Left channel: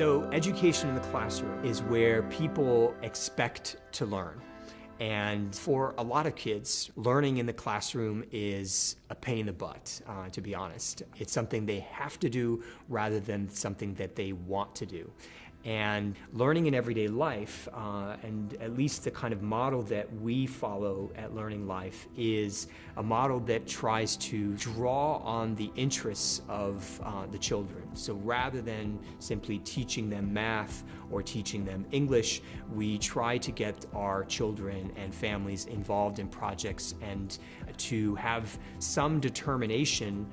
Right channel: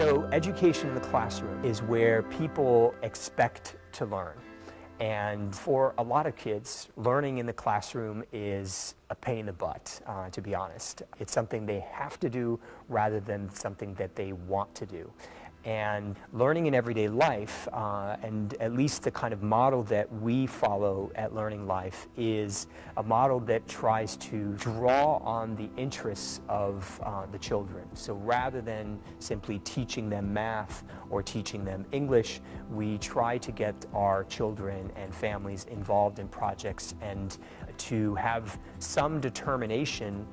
So education in the classroom is where people expect to learn. And for a lot of kids, learning in the classroom is a pain in the butt, to be honest. It's something they have to do rather than something that they want to do. And learning in everyday life, and at least the kind of model that we follow at Learning Life, is a model that tries to draw on the interests of the children. So rather than simply teaching them math or teaching them English, we try to get our children and families involved in projects and to have some determination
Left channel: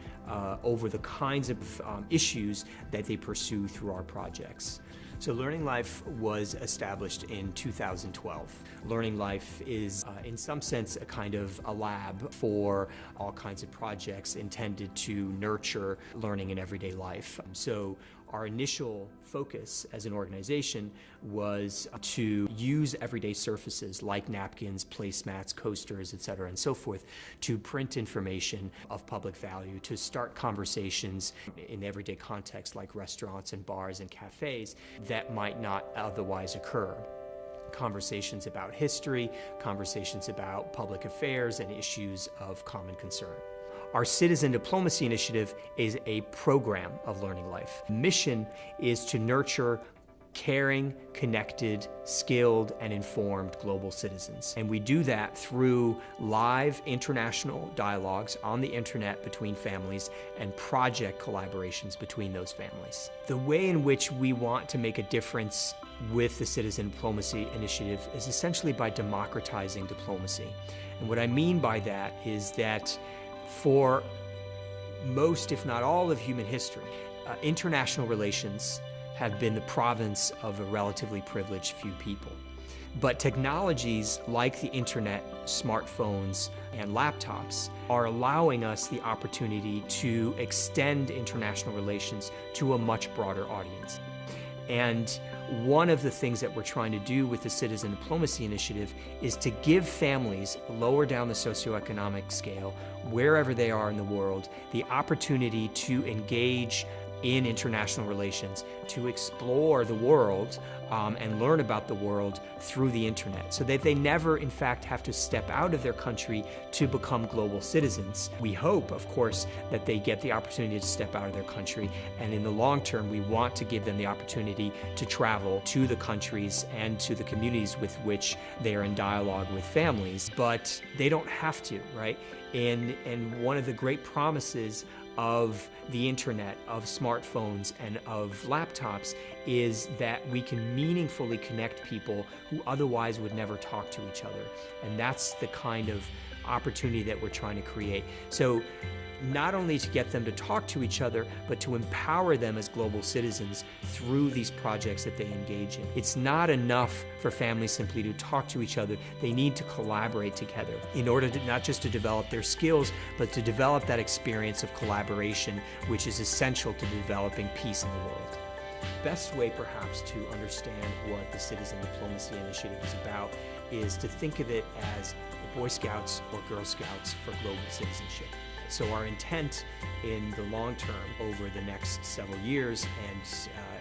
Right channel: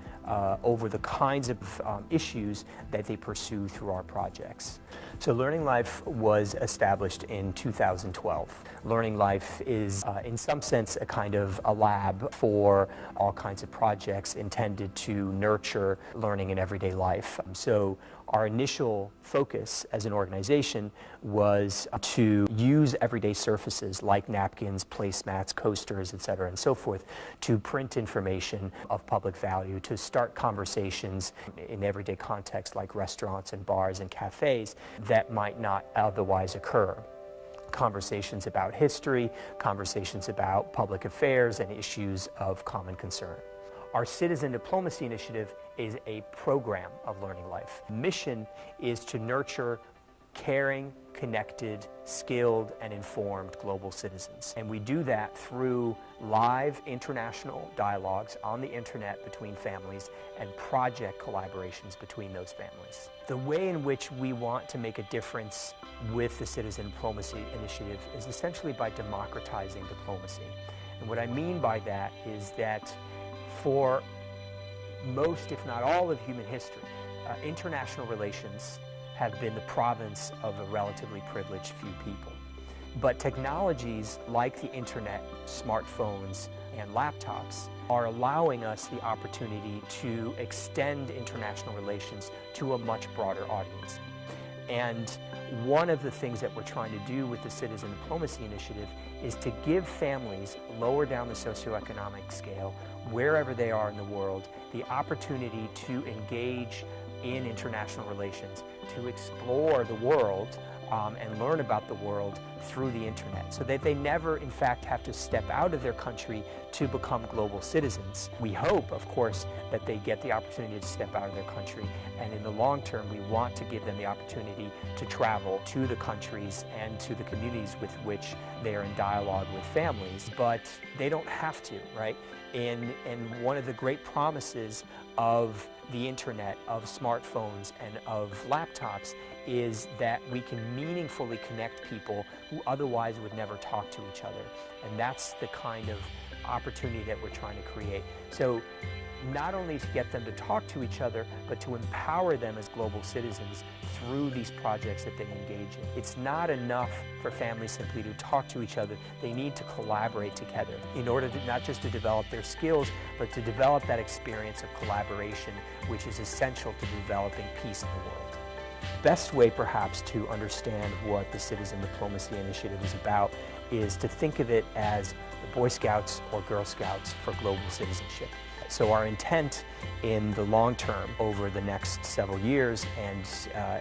over the kinds of issues that they pursue through our projects. So Learning Life was established in 2012. Learning Life is, in some sense, a kind of a lab for all kinds of projects intended to nurture learning in everyday life. So our initial focus as an organization was to use everyday surfaces like napkins, placemats, coasters, etc., and so forth, to print information of public value, to start conversations in everyday contexts like restaurants and bars and cafes that might not otherwise occur. Conversations about history, conversations about public affairs and issues of common concern. Our Citizen Diplomacy Initiative is a program of Learning Life. Mission is to nurture caring, connected, skilled, and informed global citizens. And we do that through live international dialogues on the internet between families and project collaborations between those families. The way in which we want to make a difference with the Citizen Diplomacy Initiative is essentially by democratizing diplomacy. And what I mean by that is that for most, if not all, of human history, international relations have been the province of a relatively privileged few people. But technologies like the internet, smartphones, and laptops are allowing us the opportunity to extend international relations to a much broader audience. And one of the things that we're trying to do with the Citizen Diplomacy Initiative is to give families lower down the socioeconomic scale, wherever they are in the world, the opportunity to engage in international relations, to explore the world and learn about the world through the internet, so that they never, in fact, have to step out of their country to become global citizens. We hope, of course, that they get the opportunity to step out of their country, and in the long term, we want to give them the opportunity to travel to the countries and to the communities with which they are in dialogue with families, but they don't have to, right? And one of the great promises of the internet, of smartphones, and of laptops is that we can meaningfully connect people who otherwise would never talk to each other. And that's the kind of opportunity that we're trying to create. So not only to get them to talk to each other, but to empower them as global citizens through these projects that they engage in. It's not enough for families simply to talk to each other. They need to collaborate together in order to not just to develop their skills, but to develop that experience of collaboration, which is essential to developing peace in the world. Best way perhaps to understand what the Citizen Diplomacy Initiative is about is to think of it as the Boy Scouts or Girl Scouts for global citizenship. So our intent in the long term, over the next several years and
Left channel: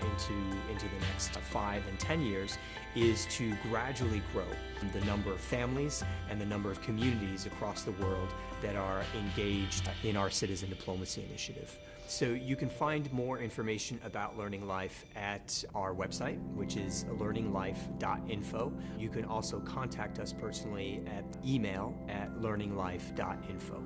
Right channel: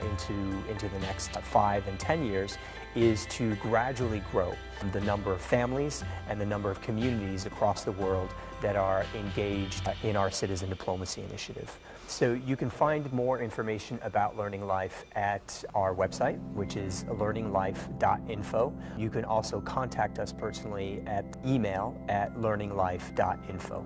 into the next 5 and 10 years, is to gradually grow the number of families and the number of communities across the world that are engaged in our Citizen Diplomacy Initiative. So you can find more information about Learning Life at our website, which is learninglife.info. You can also contact us personally at email at learninglife.info.